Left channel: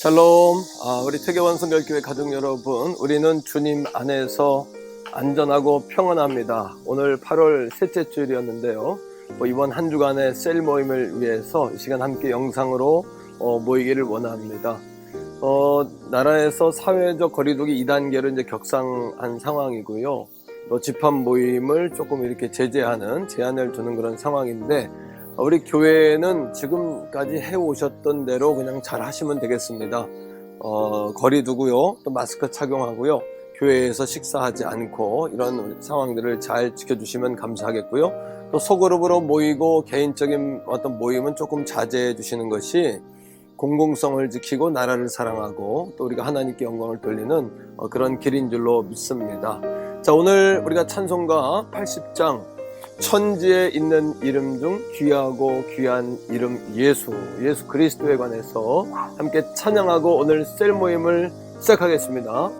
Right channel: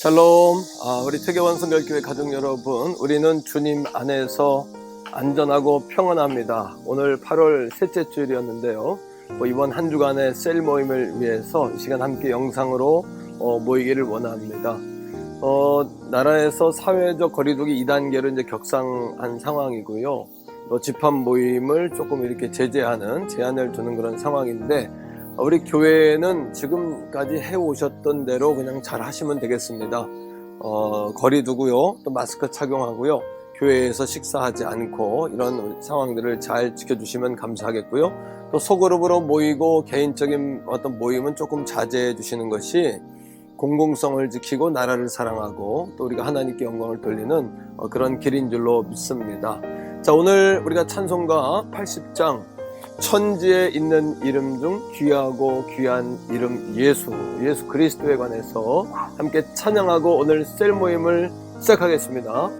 샬롬. 우리 태교원 성결교회 가족 여러분, 우리는 주님 안에서 안전하고 평안합니다. 오늘 8월 셋째 주일이었는데요. 이번 한 주간의 셀 모임을 위해서 이 시간 함께 영상으로 모이기를 원합니다. 나라에서 사회적 거리두기 2단계로 이제 격상한 상황이고요. 또 집합 모임을 조금 이렇게 제한을 두는 그런 상황인데, 우리 교회는 지금까지 해오셨던 대로 그냥 잘 하시면 되겠습니다. 거리 두고요, 또 마스크 착용하고요, 교회에서 식사하지 않고 이런 상황들을 잘 지켜주시면 감사하겠고요. 또 소그룹으로 모이고 개인적인 어떤 모임은 조금 자제해 주시는 것이 공공성을 지키고 나라를 사랑하고 또 우리가 하나님께 영광을 돌리는 그런 길인 줄로 믿습니다. 자, 오늘 우리가 찬송가 80장 천지에 있는 이름 중 귀하고 귀한 이름 예수 그리스도에 관해서 함께 찬양하고 오늘 셀 모임을 시작하겠습니다.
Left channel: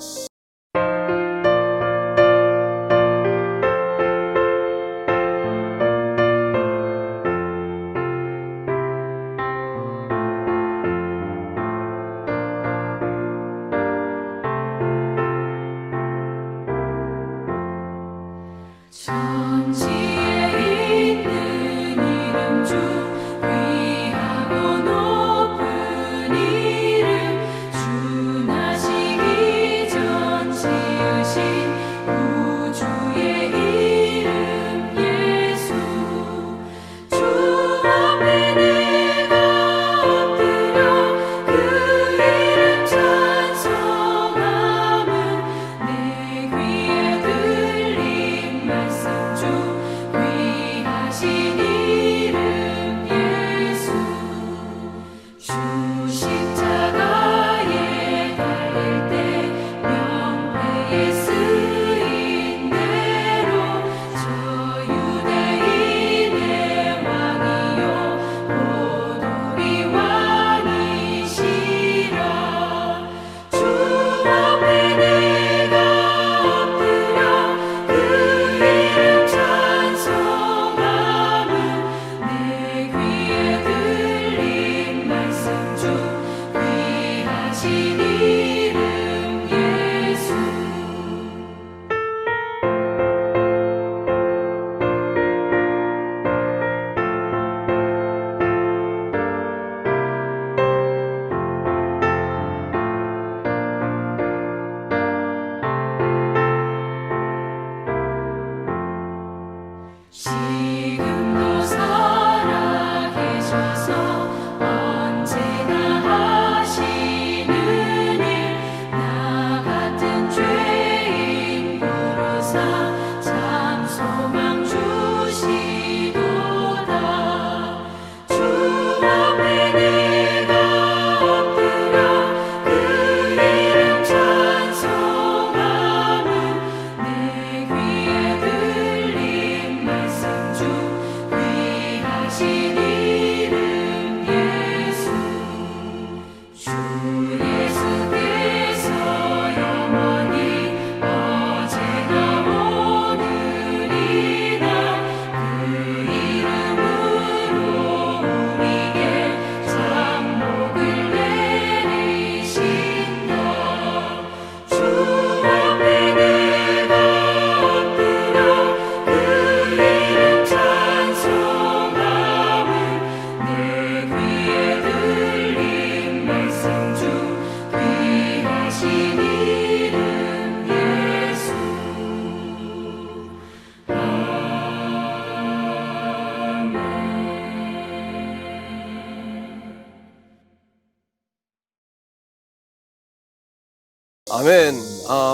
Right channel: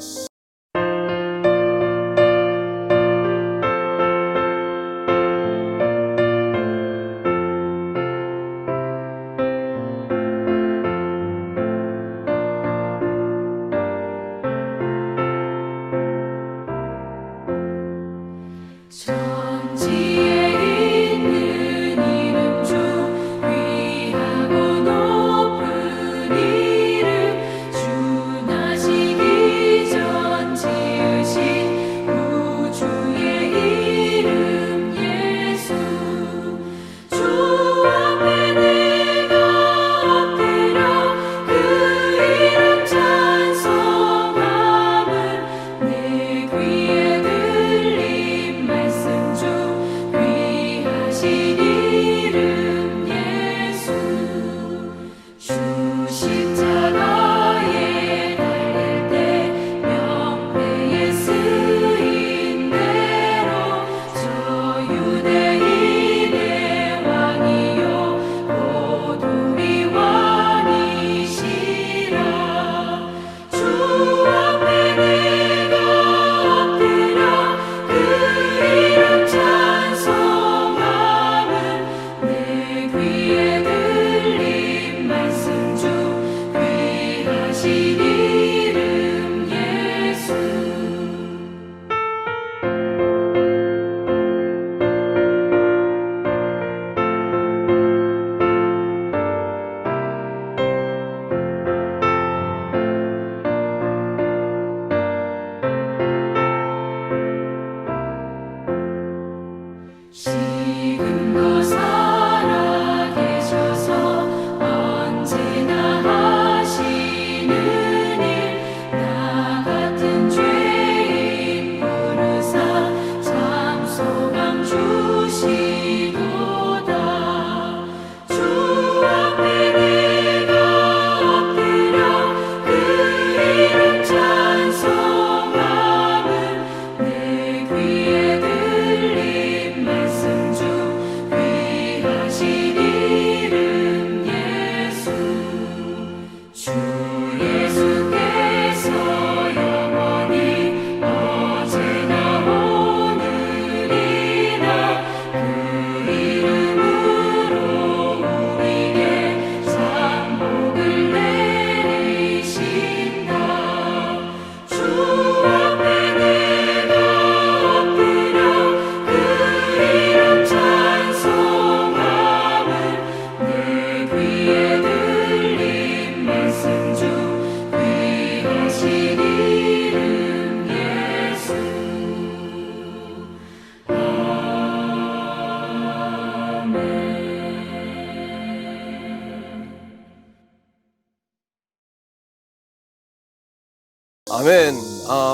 아멘.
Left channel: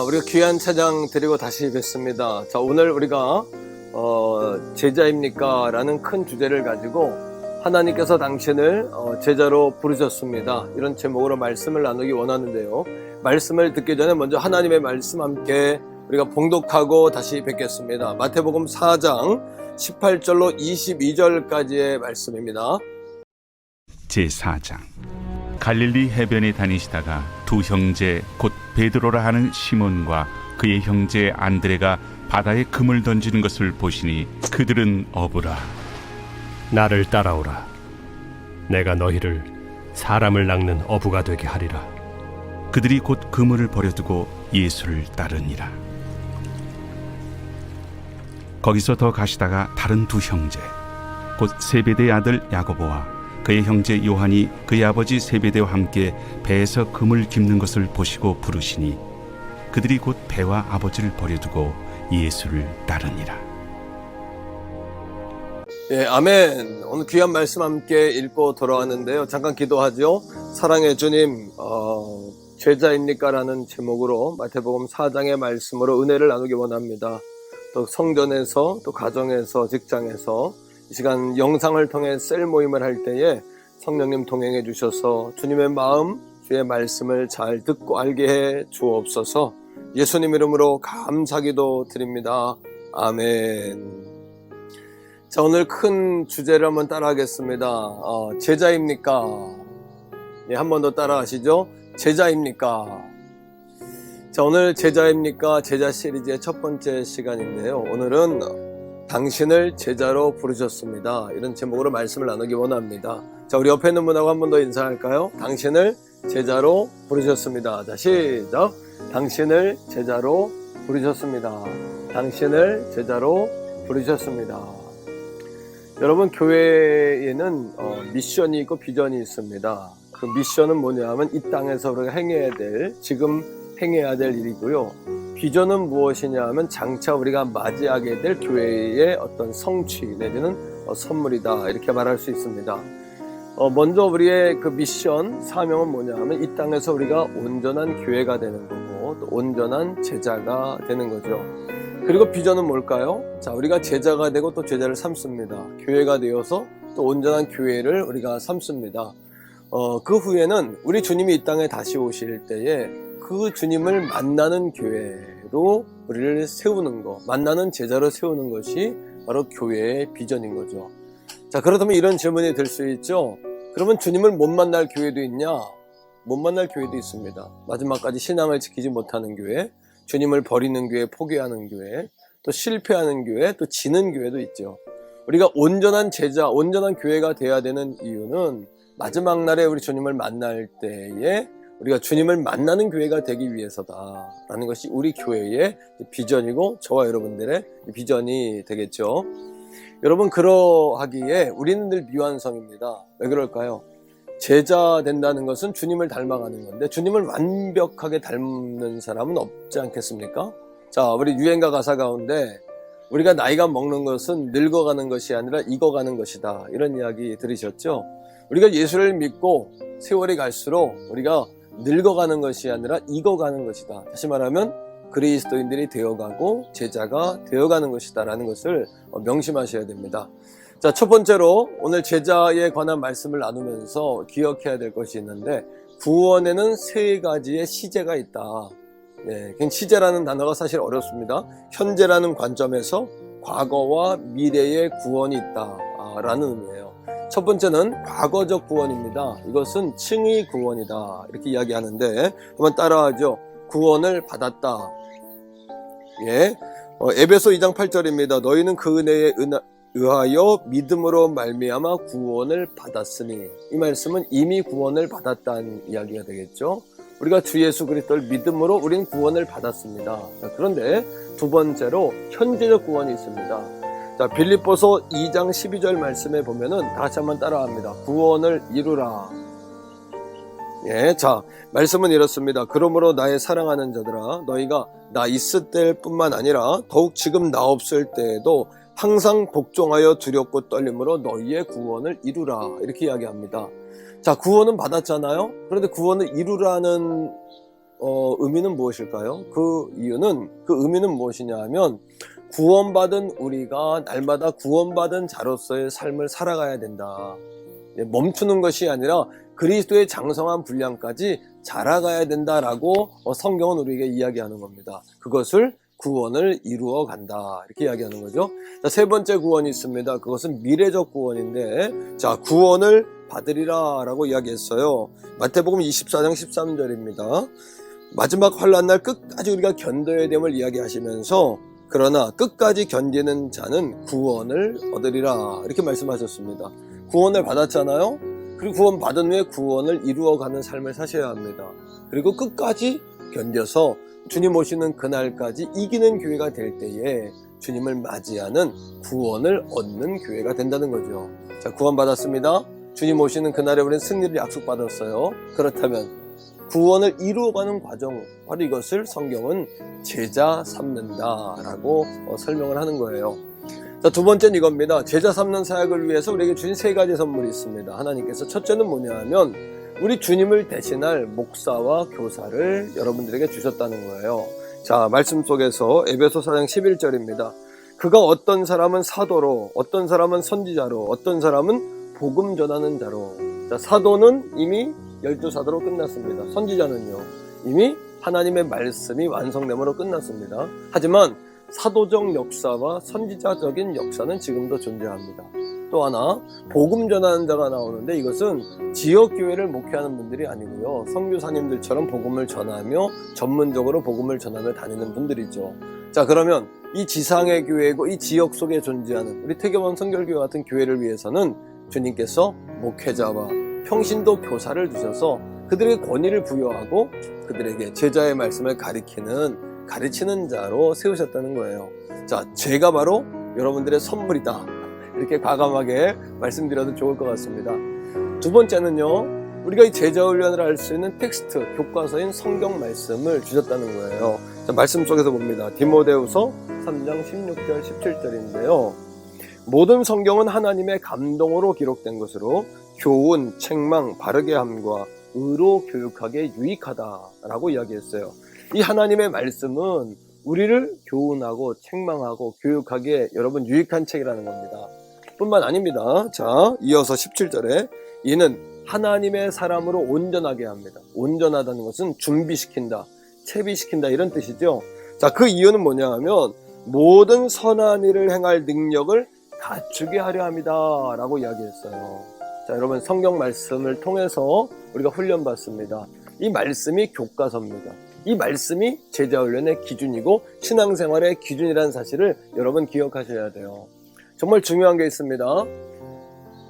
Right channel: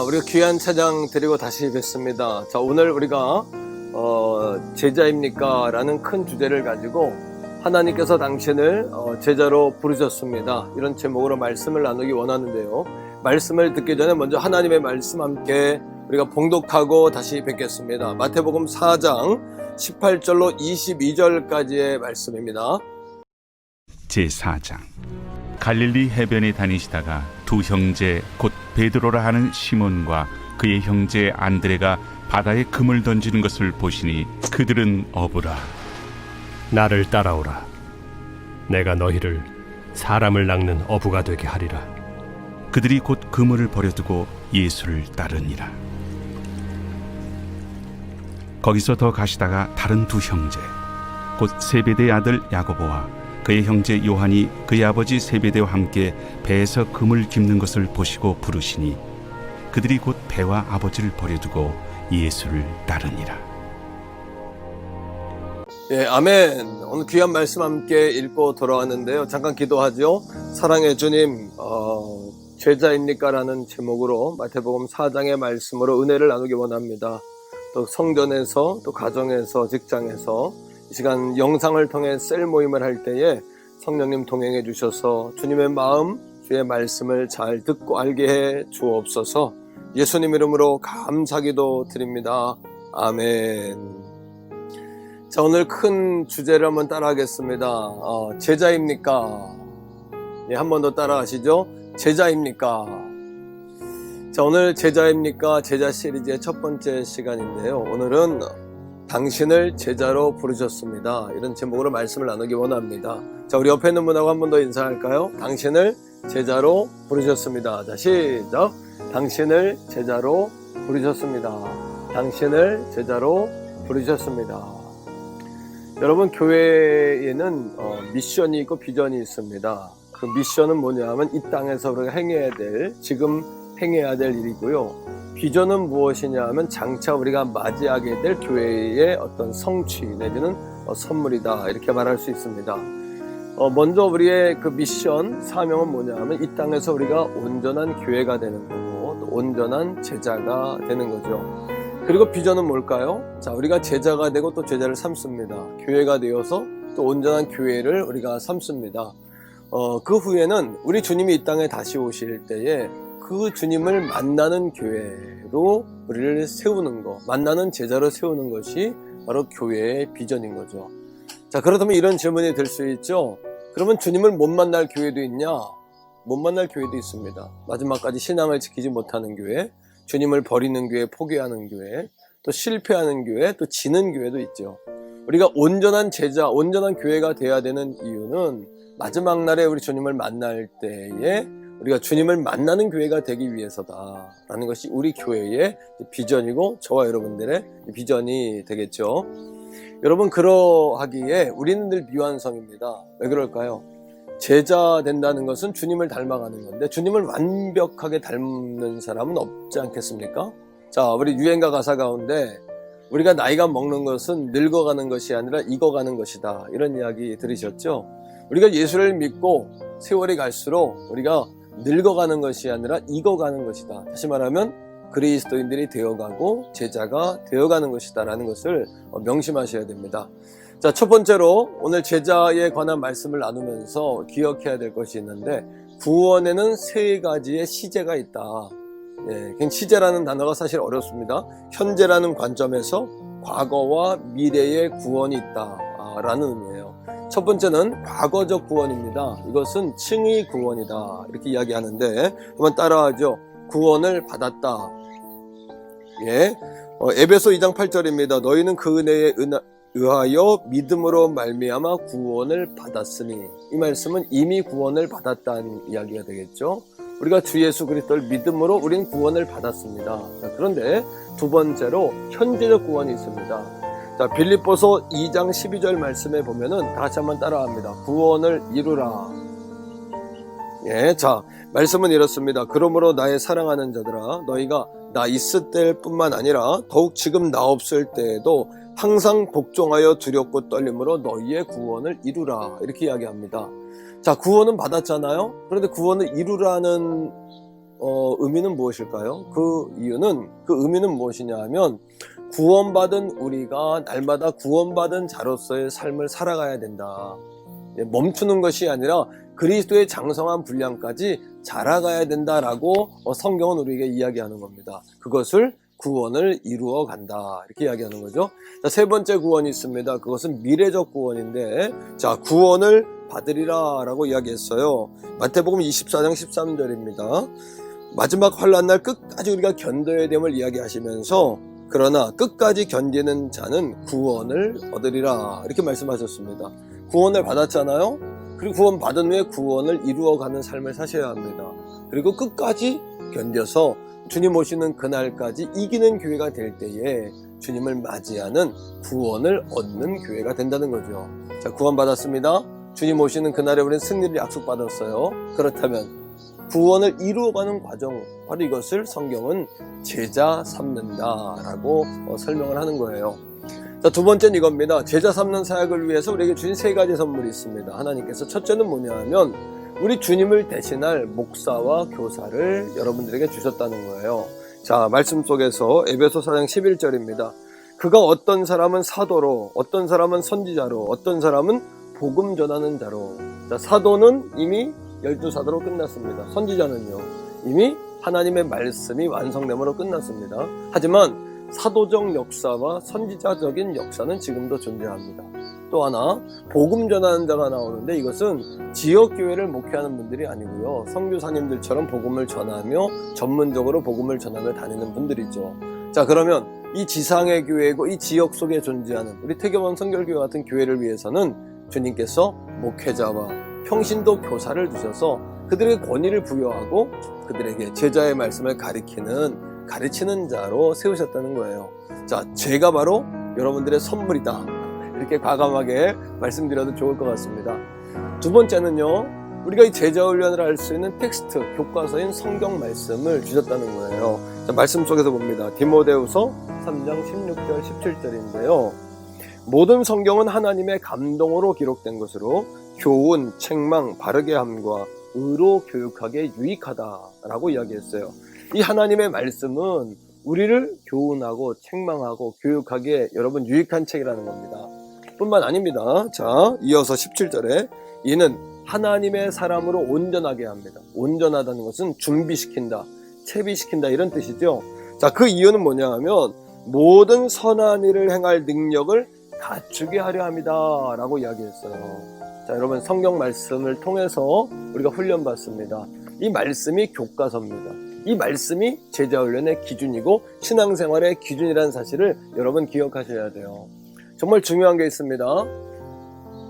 우리가 귀한 찬양 드리고 다시 뵙습니다. 자, 오늘 우리가 제자입니까? 라는 큰 주제를 가지고 하나님께서 당신을 제자로 부르셨습니다. 이런 제목으로 말씀을 나누기 원하는데요. 말씀을 듣기 전에 먼저 하나님의 말씀 함께 우리가 봉독하고 다시 뵙겠습니다. 마태복음 4장 18절로 22절까지의 말씀입니다. 제4장. 갈릴리 해변에 다니시다가 두 형제 곧 베드로라 하는 시몬과 그의 형제 안드레가 바다에 금을 던지는 것을 보시니 그들은 어부라. 나를 따라오라. 내가 너희를 사람을 낚는 어부가 되게 하리라. 그들이 곧 그물을 버려두고 예수를 따르니라. 거기서 더 가시다가 다른 두 형제 곧 세베대의 아들 야고보와 그의 형제 요한이 그의 아버지 세베대와 함께 배에서 금을 깁는 것을 보시고 부르시니 그들이 곧 배와 아버지를 버려두고 예수를 따르니라. 예, 아멘. 오늘 귀한 말씀 함께 읽고 돌아왔는데요. 잠깐 기도하죠. 사랑의 주님, 죄자입니까? 라는 제목으로 마태복음 4장의 말씀으로 은혜를 나누기 원합니다. 또 성전에서, 또 가정에서, 직장에서 이 시간 영상을 통해 셀 모임을 할 때에 성령님 동행해 주셔서 주님의 마음, 주의 말씀을 잘 듣고 알게 해 주옵소서. 예수님 이름으로 감사기도 드립니다. 아멘. 자, 오늘 큰 주제를 한번 따라하겠습니다. 제자입니까? 예, 한 번 더 따라하시죠. 제자입니까? 자, 오늘 제자입니까? 제자 시리즈의 첫 번째 시간인데요. 오늘은 당신을 제자로 부르셨습니다. 이런 제목으로 말씀을 나누기 원합니다. 자, 우리 옆에 있는 분하고 한 번 더 인사할까요? 당신을 제자로 부르셨습니다. 자, 시작. 당신을 제자로 부르셨습니다. 당신을 제자로 부르셨습니다. 여러분, 교회에는 미션이 있고 비전이 있습니다. 그 미션은 뭐냐 하면 이 땅에서 우리가 지금 행해야 될 일이고요. 비전은 무엇이냐 하면 장차 우리가 맞이하게 될 교회의 어떤 성취 내지는 선물이다, 이렇게 말할 수 있습니다. 먼저 우리의 그 미션, 사명은 뭐냐 하면 이 땅에서 우리가 온전한 교회가 되는 거고 또 온전한 제자가 되는 거죠. 그리고 비전은 뭘까요? 자, 우리가 제자가 되고 또 제자를 삼습니다. 교회가 되어서 또 온전한 교회를 우리가 삼습니다. 그 후에는 우리 주님이 이 땅에 다시 오실 때에 그 주님을 만나는 교회로 우리를 세우는 것, 만나는 제자로 세우는 것이 바로 교회의 비전인 거죠. 자, 그렇다면 이런 질문이 들 수 있죠. 그러면 주님을 못 만날 교회도 있냐? 못 만날 교회도 있습니다. 마지막까지 신앙을 지키지 못하는 교회, 주님을 버리는 교회, 포기하는 교회, 또 실패하는 교회, 또 지는 교회도 있죠. 우리가 온전한 제자, 온전한 교회가 돼야 되는 이유는 마지막 날에 우리 주님을 만날 때에 우리가 주님을 만나는 교회가 되기 위해서다라는 것이 우리 교회의 비전이고 저와 여러분들의 비전이 되겠죠. 여러분, 그러하기에 우리는 늘 미완성입니다. 왜 그럴까요? 제자 된다는 것은 주님을 닮아가는 건데 주님을 완벽하게 닮는 사람은 없지 않겠습니까? 자, 우리 유행가 가사 가운데 우리가 나이가 먹는 것은 늙어가는 것이 아니라 익어가는 것이다, 이런 이야기 들으셨죠? 우리가 예수를 믿고 세월이 갈수록 우리가 늙어가는 것이 아니라 익어가는 것이다. 다시 말하면 그리스도인들이 되어가고 제자가 되어가는 것이다 라는 것을 명심하셔야 됩니다. 자, 첫 번째로 오늘 제자에 관한 말씀을 나누면서 기억해야 될 것이 있는데 구원에는 세 가지의 시제가 있다. 예, 시제라는 단어가 사실 어렵습니다. 현재라는 관점에서 과거와 미래의 구원이 있다 라는 의미예요. 첫 번째는 과거적 구원입니다. 이것은 칭의 구원이다, 이렇게 이야기하는데 한번 따라하죠. 구원을 받았다. 예, 에베소 2장 8절입니다. 너희는 그 은혜에 의하여 믿음으로 말미암아 구원을 받았으니, 이 말씀은 이미 구원을 받았다는 이야기가 되겠죠. 우리가 주 예수 그리스도를 믿음으로 우린 구원을 받았습니다. 자, 그런데 두 번째로 현재적 구원이 있습니다. 자, 빌립보서 2장 12절 말씀에 보면은 다 같이 한번 따라합니다. 구원을 이루라. 예, 자, 말씀은 이렇습니다. 그러므로 나의 사랑하는 자들아, 너희가 나 있을 때뿐만 아니라 더욱 지금 나 없을 때에도 항상 복종하여 두렵고 떨림으로 너희의 구원을 이루라, 이렇게 이야기합니다. 자, 구원은 받았잖아요. 그런데 구원을 이루라는 의미는 무엇일까요? 그 의미는 무엇이냐 하면 구원받은 우리가 날마다 구원받은 자로서의 삶을 살아가야 된다. 멈추는 것이 아니라 그리스도의 장성한 분량까지 자라가야 된다라고 성경은 우리에게 이야기하는 겁니다. 그것을 구원을 이루어 간다, 이렇게 이야기하는 거죠. 자, 세 번째 구원이 있습니다. 그것은 미래적 구원인데, 자, 구원을 받으리라 라고 이야기했어요. 마태복음 24장 13절입니다. 마지막 환난날 끝까지 우리가 견뎌야 됨을 이야기하시면서 그러나 끝까지 견디는 자는 구원을 얻으리라, 이렇게 말씀하셨습니다. 구원을 받았잖아요. 그리고 구원받은 후에 구원을 이루어가는 삶을 사셔야 합니다. 그리고 끝까지 견뎌서 주님 오시는 그날까지 이기는 교회가 될 때에 주님을 맞이하는 구원을 얻는 교회가 된다는 거죠. 자, 구원받았습니다. 주님 오시는 그날에 우리는 승리를 약속받았어요. 그렇다면 구원을 이루어가는 과정, 바로 이것을 성경은 제자 삼는다라고 설명을 하는 거예요. 자, 두 번째는 이겁니다. 제자 삼는 사역을 위해서 우리에게 주신 세 가지 선물이 있습니다. 하나님께서 첫째는 뭐냐 하면 우리 주님을 대신할 목사와 교사를 여러분들에게 주셨다는 거예요. 자, 말씀 속에서 에베소 4장 11절입니다. 그가 어떤 사람은 사도로, 어떤 사람은 선지자로, 어떤 사람은 복음 전하는 자로. 자, 사도는 이미 12사도로 끝났습니다. 선지자는요, 이미 하나님의 말씀이 완성됨으로 끝났습니다. 하지만 사도적 역사와 선지자적인 역사는 지금도 존재합니다. 또 하나, 복음 전하는 자가 나오는데 이것은 지역교회를 목회하는 분들이 아니고요, 선교사님들처럼 복음을 전하며 전문적으로 복음을 전하며 다니는 분들이죠. 자, 그러면 이 지상의 교회고 이 지역 속에 존재하는 우리 태교원 성결교회 같은 교회를 위해서는 주님께서 목회자와 평신도 교사를 주셔서 그들에게 권위를 부여하고 그들에게 제자의 말씀을 가르치는 자로 세우셨다는 거예요. 자, 제가 바로 여러분들의 선물이다, 이렇게 과감하게 말씀드려도 좋을 것 같습니다. 두 번째는요, 우리가 이 제자 훈련을 할 수 있는 텍스트, 교과서인 성경 말씀을 주셨다는 거예요. 자, 말씀 속에서 봅니다. 디모데후서 3장 16절 17절인데요. 모든 성경은 하나님의 감동으로 기록된 것으로 교훈, 책망, 바르게 함과 의로 교육하기에 유익하다라고 이야기했어요. 이 하나님의 말씀은 우리를 교훈하고 책망하고 교육하기에 여러분 유익한 책이라는 겁니다. 뿐만 아닙니다. 자, 이어서 17절에 이는 하나님의 사람으로 온전하게 합니다. 온전하다는 것은 준비시킨다, 채비시킨다, 이런 뜻이죠. 자, 그 이유는 뭐냐 하면 모든 선한 일을 행할 능력을 갖추게 하려 합니다 라고 이야기했어요. 자, 여러분, 성경 말씀을 통해서 우리가 훈련받습니다. 이 말씀이 교과서입니다. 이 말씀이 제자훈련의 기준이고 신앙생활의 기준이라는 사실을 여러분 기억하셔야 돼요. 정말 중요한 게 있습니다.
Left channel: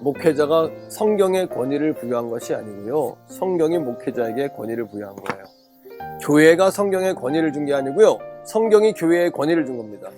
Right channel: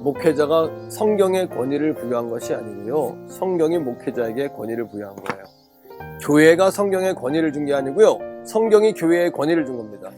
목회자가 성경의 권위를 부여한 것이 아니고요, 성경이 목회자에게 권위를 부여한 거예요. 교회가 성경의 권위를 준 게 아니고요, 성경이 교회에 권위를 준 겁니다.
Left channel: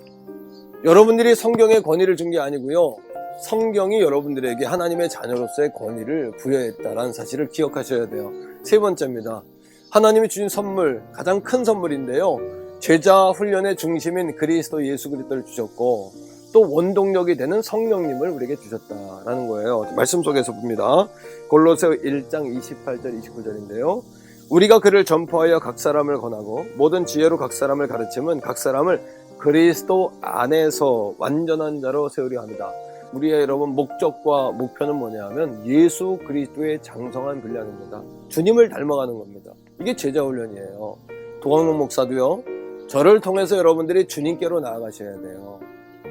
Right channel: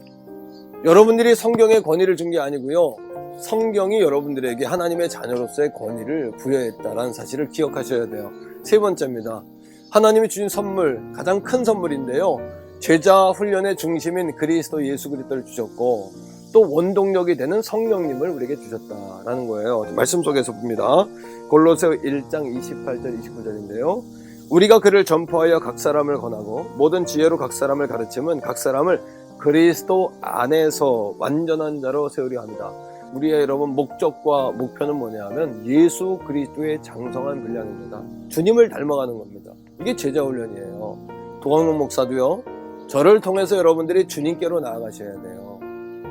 여러분들이 성경의 권위를 준 게 아니고요, 성경이 여러분들에게 하나님의 자녀로서의 권위를 부여했다라는 사실을 기억하셔야 돼요. 세 번째입니다. 하나님이 주신 선물, 가장 큰 선물인데요, 제자 훈련의 중심인 그리스도 예수 그리스도를 주셨고 또 원동력이 되는 성령님을 우리에게 주셨다라는 거예요. 말씀 속에서 봅니다. 골로새 1장 28절 29절인데요. 우리가 그를 전파하여 각 사람을 권하고 모든 지혜로 각 사람을 가르치면 각 사람을 그리스도 안에서 완전한 자로 세우려 합니다. 우리의 여러분 목적과 목표는 뭐냐 하면 예수 그리스도의 장성한 분량입니다. 주님을 닮아가는 겁니다. 이게 제자훈련이에요. 도광록 목사도요, 저를 통해서 여러분들이 주님께로 나아가셔야 돼요.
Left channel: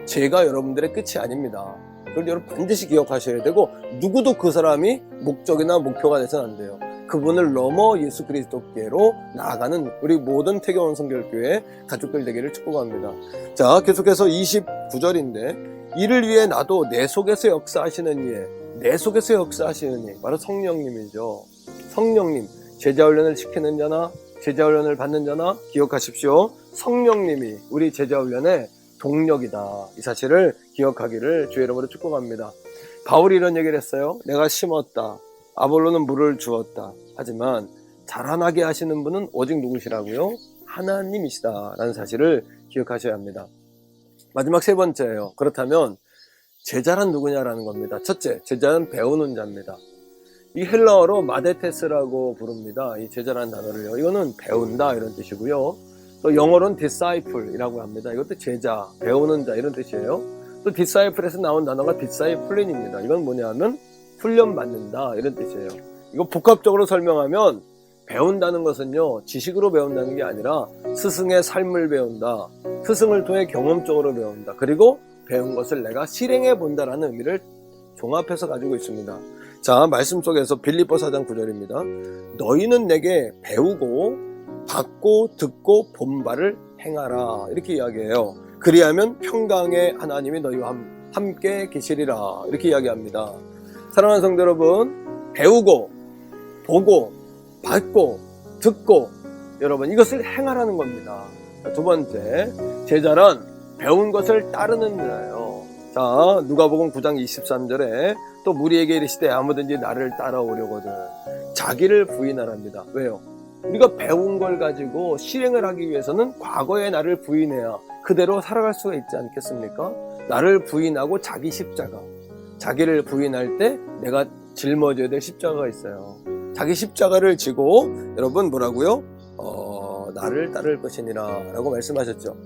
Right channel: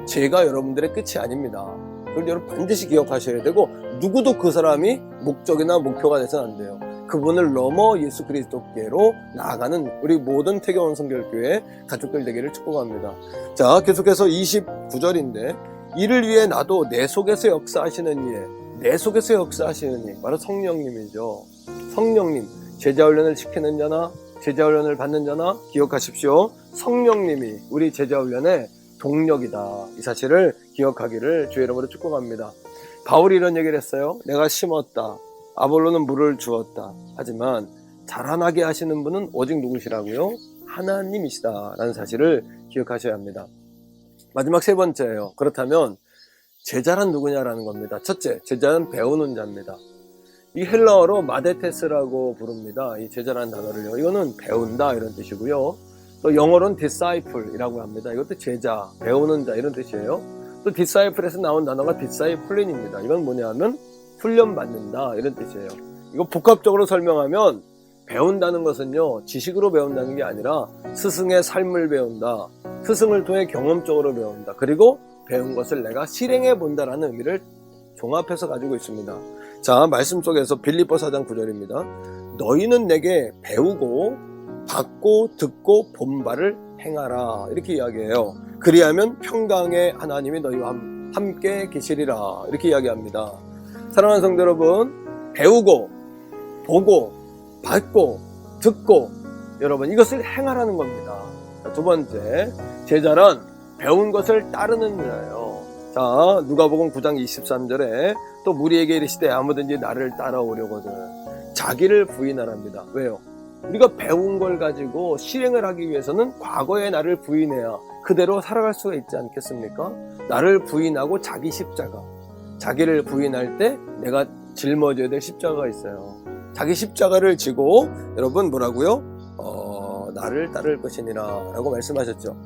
제가 여러분들의 끝이 아닙니다. 그걸 여러분 반드시 기억하셔야 되고, 누구도 그 사람이 목적이나 목표가 돼서는 안 돼요. 그분을 넘어 예수 그리스도께로 나아가는 우리 모든 태교원 성결교회 가족들 되기를 축복합니다. 자, 계속해서 29절인데 이를 위해 나도 내 속에서 역사하시는 이에, 내 속에서 역사하시는 이 바로 성령님이죠. 성령님, 제자훈련을 시키는 자나 제자훈련을 받는 자나 기억하십시오. 성령님이 우리 제자훈련의 동력이다. 이 사실을 기억하기를 주의 이름으로 축복합니다. 바울이 이런 얘기를 했어요. 내가 심었다, 아볼로는 물을 주었다. 하지만 자라나게 하시는 분은 오직 누구시라고요? 하나님이시다 라는 사실을 기억하셔야 합니다. 마지막 세 번째예요. 그렇다면 제자란 누구냐라는 겁니다. 첫째, 제자는 배우는 자입니다. 이 헬라어로 마데테스라고 부릅니다. 이 제자라는 단어를요. 이거는 배운다 이런 뜻이고요. 또 영어로는 disciple이라고 합니다. 이것도 제자, 배우는 자 이런 뜻이에요. 또 disciple에서 나온 단어가 disciplin입니다. 이건 뭐냐면 훈련받는다 이런 뜻이에요. 이거 복합적으로 설명하면 배운다는 것은요, 지식으로 배운다는 게 아니라 스승의 삶을 배운다, 스승을 통해 경험적으로 배운다, 그리고 배운 것을 내가 실행해 본다라는 의미를 종합해서 가지고 있습니다. 자, 말씀 속에서 빌립보 4장 9절입니다. 너희는 내게 배우고 받고 듣고 본 바를 행하라 이렇게 이야기해요. 그리하면 평강의 하나님이 너희와 함께 계시리라 이렇게 이야기합니다. 사랑하는 성도 여러분, 배우고 보고 받고 듣고 여러분 이것을 행하라는 겁니다. 자, 두 번째, 제자란 배운 것을 따르는 자예요. 자, 누가복음 9장 23절에 또 무리에게 이르시되 아무든지 나를 따라오려거든 자기를 부인하랍니다. 왜요? 우리가 배운 걸 가지고 실행을 하기 위해서는 과거의 나를 부인해야 그대로 살아갈 수가 있지 않겠습니까? 나를 부인하고 자기 십자가, 자기를 부인할 때 내가 짊어져야 될 십자가가 있어요. 자기 십자가를 지고 여러분 뭐라고요? 나를 따를 것이니라 라고 말씀하셨죠.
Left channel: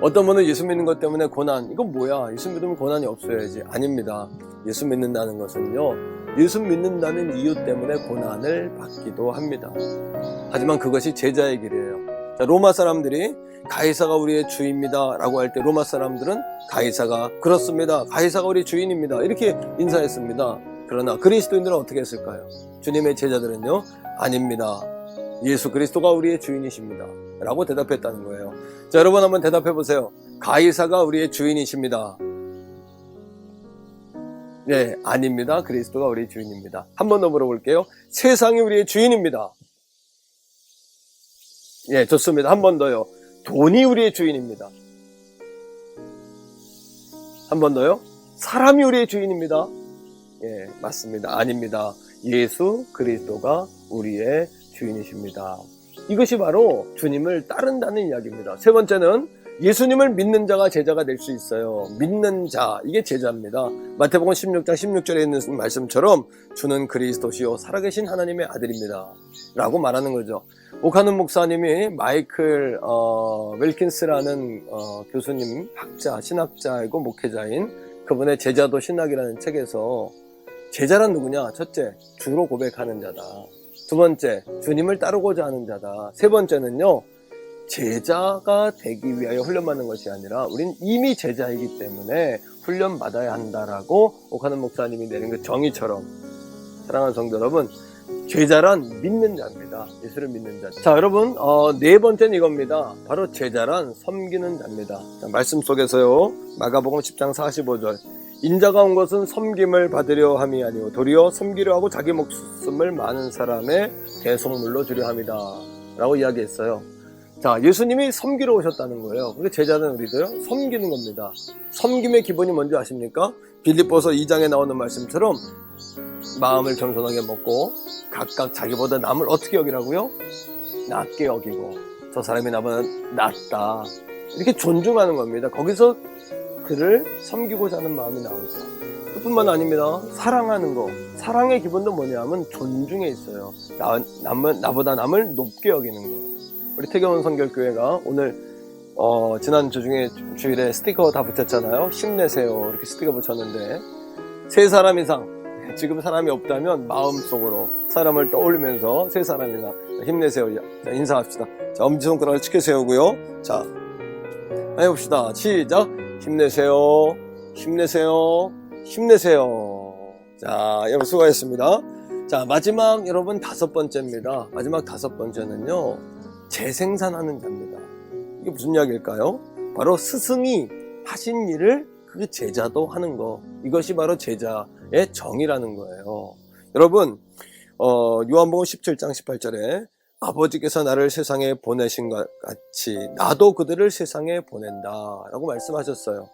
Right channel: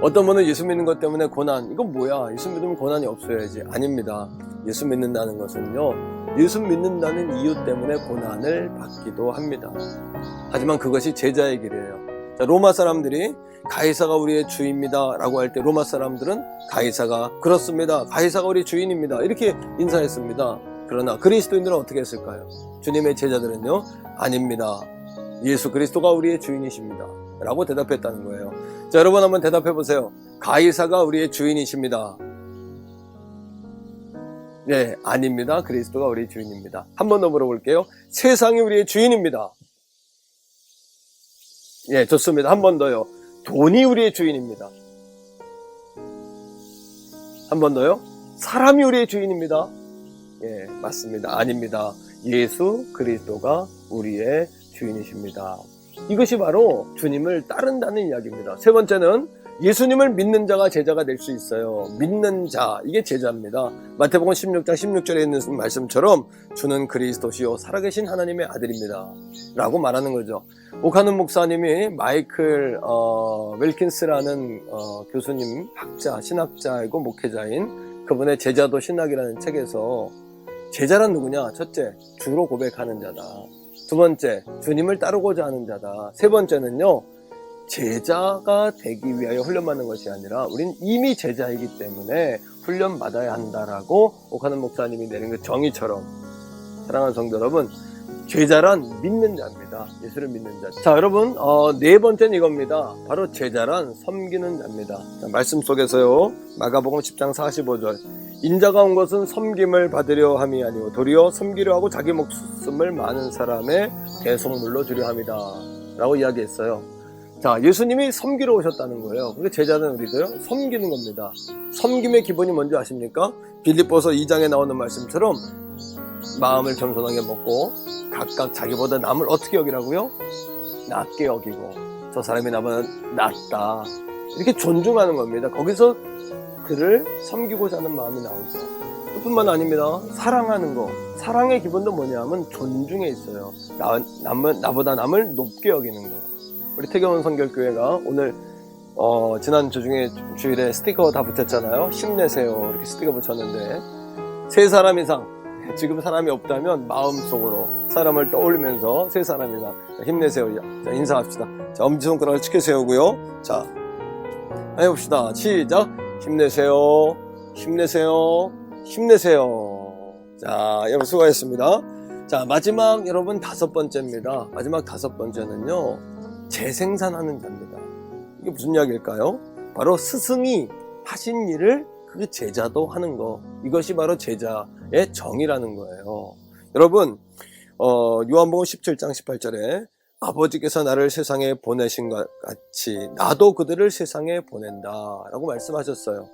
어떤 분은 예수 믿는 것 때문에 고난, 이건 뭐야? 예수 믿으면 고난이 없어야지. 아닙니다. 예수 믿는다는 것은요, 예수 믿는다는 이유 때문에 고난을 받기도 합니다. 하지만 그것이 제자의 길이에요. 자, 로마 사람들이 가이사가 우리의 주입니다 라고 할 때 로마 사람들은 가이사가 그렇습니다, 가이사가 우리 주인입니다 이렇게 인사했습니다. 그러나 그리스도인들은 어떻게 했을까요? 주님의 제자들은요, 아닙니다, 예수 그리스도가 우리의 주인이십니다 라고 대답했다는 거예요. 자, 여러분 한번 대답해 보세요. 가이사가 우리의 주인이십니다. 네, 아닙니다. 그리스도가 우리의 주인입니다. 한 번 더 물어볼게요. 세상이 우리의 주인입니다. 예, 좋습니다. 한 번 더요. 돈이 우리의 주인입니다. 한 번 더요. 사람이 우리의 주인입니다. 예, 맞습니다. 아닙니다. 예수 그리스도가 우리의 주인이십니다. 이것이 바로 주님을 따른다는 이야기입니다. 세 번째는 예수님을 믿는 자가 제자가 될 수 있어요. 믿는 자, 이게 제자입니다. 마태복음 16장 16절에 있는 말씀처럼 주는 그리스도시요 살아계신 하나님의 아들입니다 라고 말하는 거죠. 오카는 목사님이 마이클 웰킨스라는 교수님, 학자, 신학자이고 목회자인 그분의 제자도 신학이라는 책에서 제자란 누구냐? 첫째, 주로 고백하는 자다. 두 번째, 주님을 따르고자 하는 자다. 세 번째는요, 제자가 되기 위하여 훈련받는 것이 아니라 우린 이미 제자이기 때문에 훈련받아야 한다라고 오카는 목사님이 내린 그 정의처럼, 사랑하는 성도 여러분, 제자란 믿는 자입니다. 예수를 믿는 자. 자, 여러분, 네 번째는 이겁니다. 바로 제자란 섬기는 자입니다. 자, 말씀 속에서요, 마가복음 10장 45절, 인자가 온 것은 섬김을 받으려 함이 아니오 도리어 섬기려 하고 자기 목숨을 많은 사람의 대속물로 주려 함이다 라고 이야기했어요. 자, 예수님이 섬기러 오셨다는 거예요. 그게 제자는 우리도요, 섬기는 겁니다. 섬김의 기본이 뭔지 아십니까? 빌립보서 2장에 나오는 말씀처럼 마음을 겸손하게 먹고 각각 자기보다 남을 어떻게 여기라고요? 낮게 여기고, 저 사람이 나보다 낫다 이렇게 존중하는 겁니다. 거기서 그를 섬기고자 하는 마음이 나오죠. 그뿐만 아닙니다. 사랑하는 거, 사랑의 기본도 뭐냐면 존중에 있어요. 나보다 남을 높게 여기는 거. 우리 태경원 선결교회가 오늘 지난 주일에 스티커 다 붙였잖아요. 힘내세요 이렇게 스티커 붙였는데, 세 사람 이상, 지금 사람이 없다면 마음속으로 사람을 떠올리면서 세 사람 이상 힘내세요. 자, 인사합시다. 자, 엄지손가락을 치켜 세우고요. 자, 해봅시다. 시작. 힘내세요. 힘내세요. 힘내세요. 자, 여러분 수고하셨습니다. 자, 마지막 여러분 다섯 번째입니다. 마지막 다섯 번째는요, 재생산하는 자입니다. 이게 무슨 이야기일까요? 바로 스승이 하신 일을 그 제자도 하는 거. 이것이 바로 제자의 정의라는 거예요. 여러분, 요한복음 17장 18절에 아버지께서 나를 세상에 보내신 것 같이 나도 그들을 세상에 보낸다 라고 말씀하셨어요.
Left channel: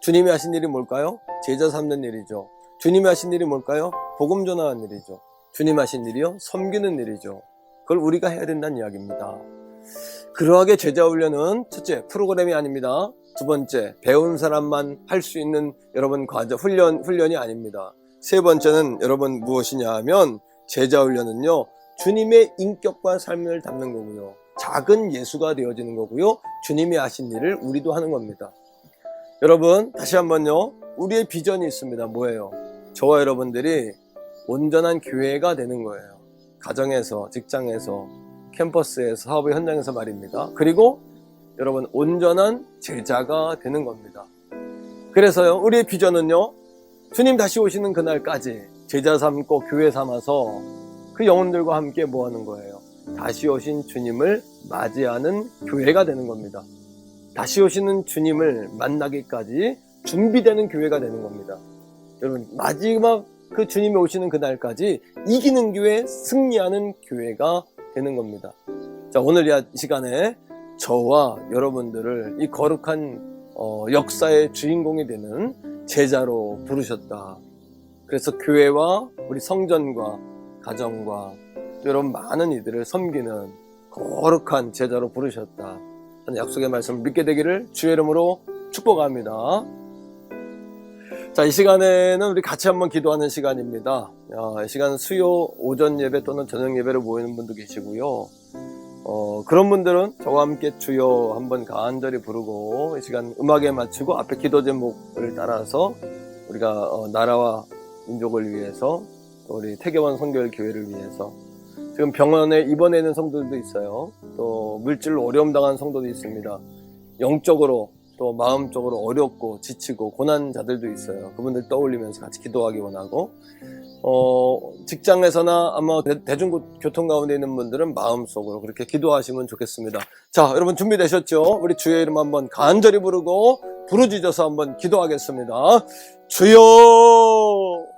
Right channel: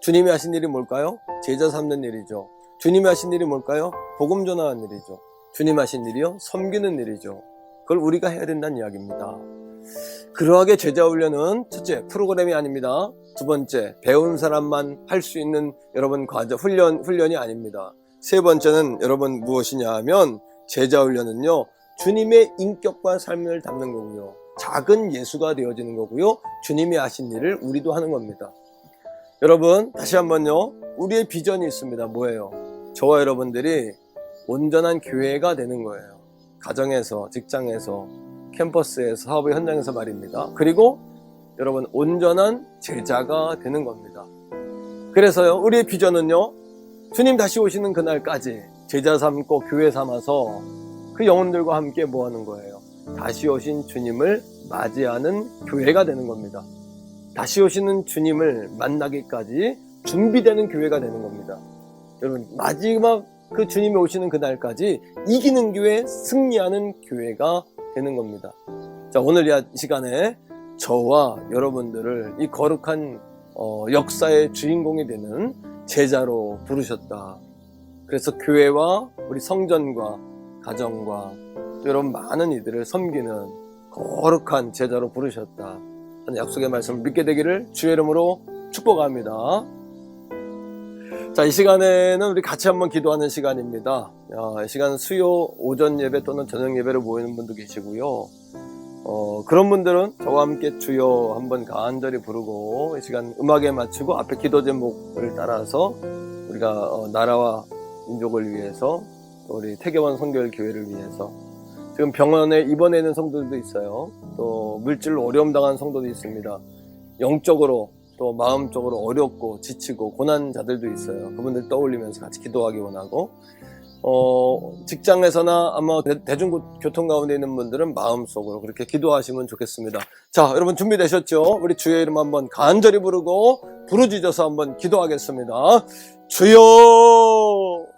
주님이 하신 일이 뭘까요? 제자 삼는 일이죠. 주님이 하신 일이 뭘까요? 복음 전하는 일이죠. 주님 하신 일이요? 섬기는 일이죠. 그걸 우리가 해야 된다는 이야기입니다. 그러하게 제자 훈련은 첫째, 프로그램이 아닙니다. 두 번째, 배운 사람만 할 수 있는 여러분 과정, 훈련이 아닙니다. 세 번째는 여러분 무엇이냐 하면, 제자 훈련은요, 주님의 인격과 삶을 담는 거고요. 작은 예수가 되어지는 거고요. 주님이 하신 일을 우리도 하는 겁니다. 여러분, 다시 한번요. 우리의 비전이 있습니다. 뭐예요? 저와 여러분들이 온전한 교회가 되는 거예요. 가정에서, 직장에서, 캠퍼스에서, 사업의 현장에서 말입니다. 그리고 여러분, 온전한 제자가 되는 겁니다. 그래서요, 우리의 비전은요, 주님 다시 오시는 그날까지 제자 삼고 교회 삼아서 그 영혼들과 함께 뭐 하는 거예요? 다시 오신 주님을 맞이하는 교회가 되는 겁니다. 다시 오시는 주님을 만나기까지 준비되는 교회가 되는 겁니다. 여러분, 마지막 그 주님이 오시는 그날까지 이기는 교회, 승리하는 교회가 되는 겁니다. 자, 오늘 이 시간에 저와 여러분들을 이 거룩한 역사의 주인공이 되는 제자로 부르셨다. 그래서 교회와 우리 성전과 가정과 또 이런 많은 이들을 섬기는 거룩한 제자로 부르셨다. 저는 약속의 말씀을 믿게 되기를 주의 이름으로 축복합니다. 자, 이 시간에는 우리 같이 한번 기도하는 시간입니다. 이 시간은 수요 오전 예배 또는 저녁 예배로 모이는 분도 계시고요. 그런 분들은 저와 함께 주여 한번 간절히 부르고 이 시간 음악에 맞추고 앞에 기도 제목을 따라서 우리가 나라와 민족을 위해서 또 우리 태계원 선교회 교회를 위해서 지금 병원에 입원해 있는 성도들도 있어요. 또 물질로 어려움 당한 성도도 있습니다. 영적으로 또 마음적으로 어렵고 지치고 고난자들도 있어요. 그분들 떠올리면서 같이 기도하기 원하고 직장에서나 아마 대중교통 가운데 있는 분들은 마음속으로 그렇게 기도하시면 좋겠습니다. 자, 여러분 준비되셨죠? 우리 주의 이름 한번 간절히 부르고 부르짖어서 한번 기도하겠습니다. 주여!